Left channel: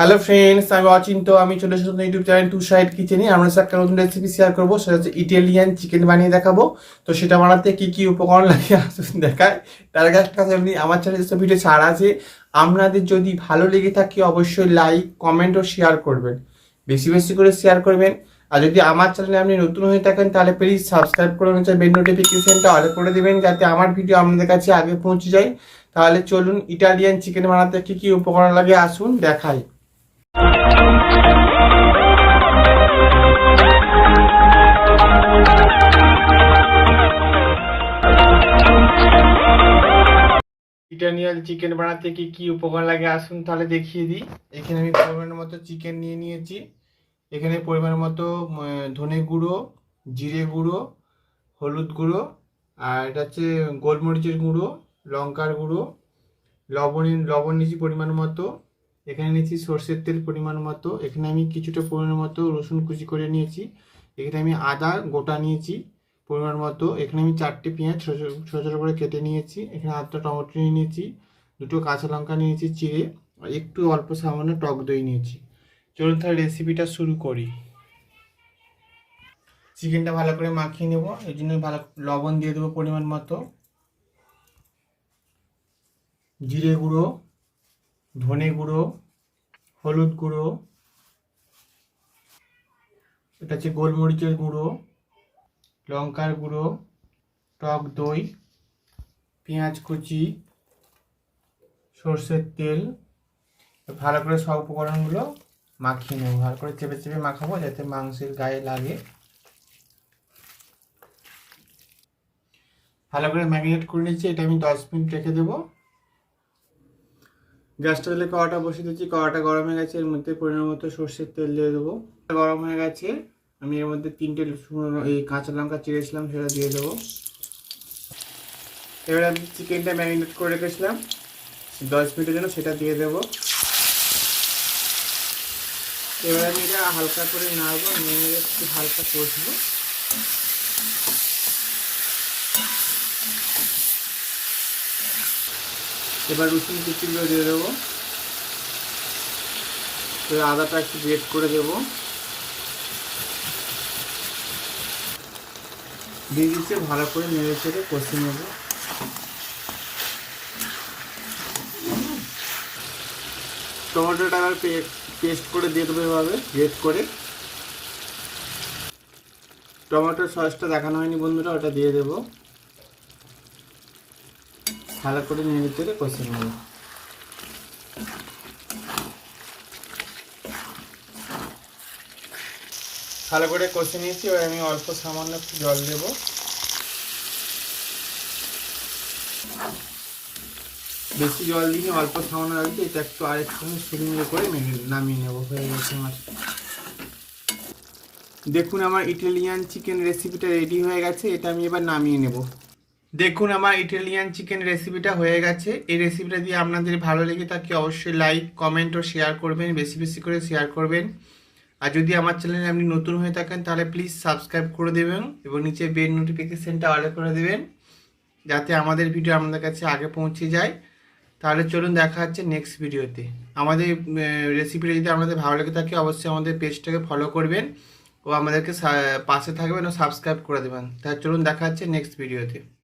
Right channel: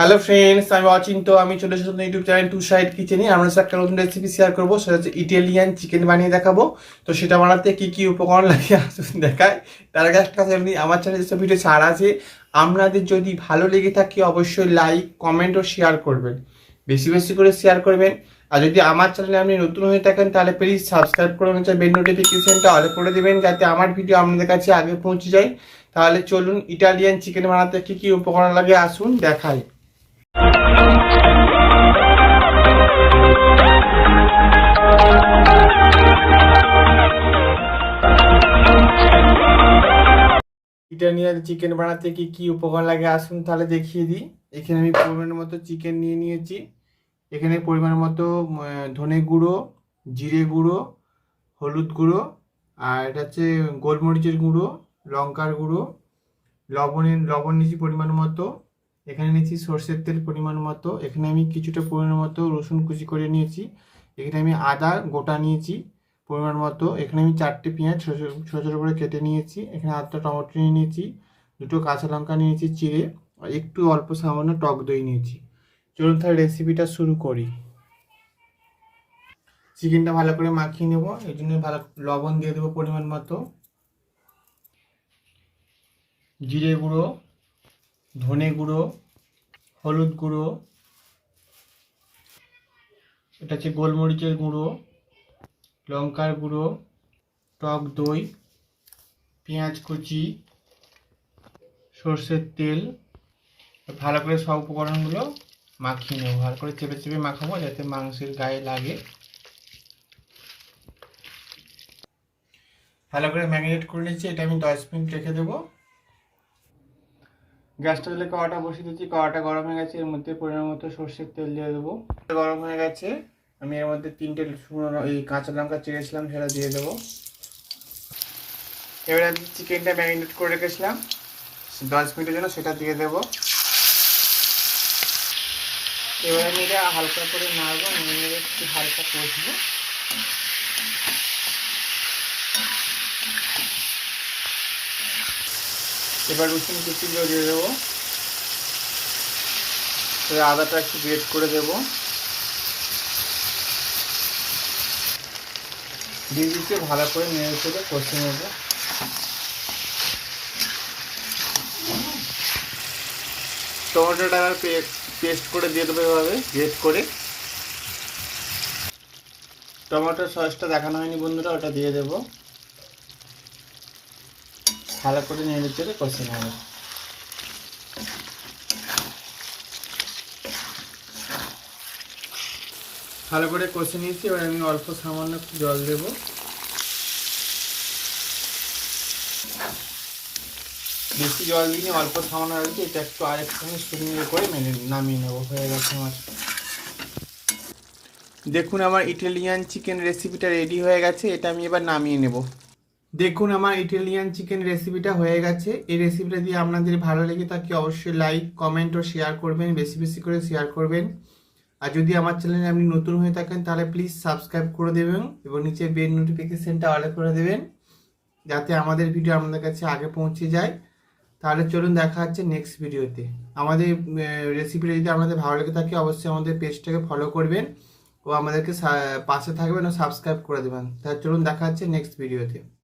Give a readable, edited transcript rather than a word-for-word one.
Hello friends, আমি অচিন্ত। আমি চলে এসেছি ইউটিউব চ্যানেল টু সাইড কিচেনে। আমরা একটা নতুন রেসিপি শেয়ার করবো, সেটা হচ্ছে ইটালিয়ান চিকেন বানিয়ে দেখাবো। তো সেটা বানাতে কি কি উপকরণ লাগে আসুন দেখায়। তার আগে একটা কথা বলি, আমার চ্যানেলে যেসব ভিডিও ছাড় আছে, আপনাদের যদি ভালো লেগে থাকে অবশ্যই লাইক, কমেন্ট ও শেয়ার করবেন, বেশি বেশি করে শেয়ার করবেন। আর যদি আমার চ্যানেলে আপনি নতুন হয়ে থাকেন তাহলে প্লিজ সাবস্ক্রাইব করে নিতে, বেল নোটিফিকেশনটা অল করে দেবেন, যাতে আমার ভিডিও আপনাদের কাছে আগে পৌঁছে যায়। তাহলে চলুন, ইটালিয়ান চিকেন বানাতে কি কি উপকরণ লাগে আসুন দেখাই। ইটালিয়ান চিকেন বানাতে কি কি উপকরণ লাগে আসুন তাহলে দেখিয়ে দিই। এখানে আমি পরিমাণ মতো চিকেন নিয়ে নিয়েছি। এখানে পরিমাণ মতো ধনে গুঁড়ো, জিরে গুঁড়ো, হলুদ গুঁড়ো, আর এটা হচ্ছে গোলমরিচের গুঁড়ো, লঙ্কার গুঁড়ো, লবণ নিয়েছি পরিমাণ মতো। এখানে নিয়েছি সর্ষের তেল পরিমাণ মতো। এখানে আমি কিছুটা পরিমাণ মতো রসুন কুচি করে নিয়েছি। এখানে আমি আদা গোটা নিয়েছি পরিমাণ মতো। এখানে আমি 4টে পেঁয়াজ ছোটো ছোটো করে কেটে নিয়েছি। এখানে 8টা টমেটো নিয়ে নিয়েছি, 2টো কাঁচা লঙ্কা নিয়েছি চিড়ে, আর একটু অল্প সামান্য টক দই নিয়েছি। চলুন তাহলে রেসিপিটা শুরু করি। চিকেনটা ভালো করে মাখিয়ে নেব, এই জন্য ভালো লবণ দিয়ে দেবো পরিমাণ মতো, জিরে গুঁড়ো, ধনে গুঁড়ো, হলুদ গুঁড়ো, এটা হচ্ছে গোলমরিচের গুঁড়ো, লঙ্কার গুঁড়ো, টক দই, পেঁয়াজ কুচি, সর্ষের তেল। ভালো করে সব উপকরণগুলো মাখিয়ে নেব, ভালো করে চেপে চেপে মাখাবো যাতে মাংসের গায়ে লাগে। ভালো করে ম্যারিনেট করে নিচ্ছি, এটা আমি 10 মিনিট রেখে দেবো। গ্যাসটা দিলে কড়াটা বসিয়ে দিচ্ছি, কড়াটা গরম হয়ে গেছে। এর মধ্যে পরিমাণ মতো সর্ষের তেল দিয়ে দেবো। গরম হয়ে গেছে, আমি এর মধ্যে 3টে এই কাঁচা লঙ্কা চিড়েছিলাম সেটা দিয়ে দেবো। এবারে আমি চিকেনটা ম্যারিনেট করে রেখেছিলাম 10 মিনিটের জন্য, সেটা দিয়ে দেবো। এবারে আমি এটা হালকা করে নাড়বো, একটু হালকা কষবো। এবার রসুন কুচিগুলো দিয়ে দেবো। আদাটা একটু গ্রেট করে দেবো, দিয়ে দিচ্ছে ভালো করে নেড়ে চেড়ে কষিয়ে নেবো। টমেটোটা আমার পেস্ট করে দিয়ে দেবো এভাবে গ্রেট করে। টমেটোর সসটা দেখানো হয়নি বন্ধুরা, ওটা দিয়ে দেবো। ভালো করে নেড়ে চেড়ে কষিয়ে নেবো। ভালো করে কষে নিয়েছি, এবার আমি অল্প সামান্য জল দেবো। বেশি জল দিয়ে অল্প সামান্য রাখি, এটা একটু আরেকটুখানি শুকনো করে নামিয়ে নেবো। হয়ে গেছে আমার। দেখুন আমার ইটালিয়ান চিকেন রেসিপিটা রেডি হয়ে গেছে, এটা আমি এবার নামিয়ে নেব। দেখুন আমার ইটালিয়ান চিকেন রেসিপিটা হয়ে গেছে। এই রেসিপিটা দিয়ে আপনাদের ভালো লেগে থাকে অবশ্যই লাইক, কমেন্ট ও শেয়ার করবেন, বেশি বেশি করে শেয়ার করবেন। আর যদি আমার চ্যানেলে আপনি নতুন হয়ে থাকেন তাহলে প্লিজ সাবস্ক্রাইব করে দেবেন এবং নিচে বেল নোটিফিকেশনটা অল করে দেবেন, যাতে আমাদের ভিডিও আপনাদের কাছে আগে পৌঁছে যায়। তাহলে চলুন দেখা হচ্ছে নেক্সট ভিডিওতে। আমাদের রেসিপিটা যদি আপনাদের ভালো লেগে থাকে অবশ্যই আমাদের পেজটাকে ফলো করবেন ও আমাদেরকে পাশে থাকবেন ও সাবস্ক্রাইব করে দেবেন। তাহলে চলুন দেখা হচ্ছে নেক্সট ভিডিওতে।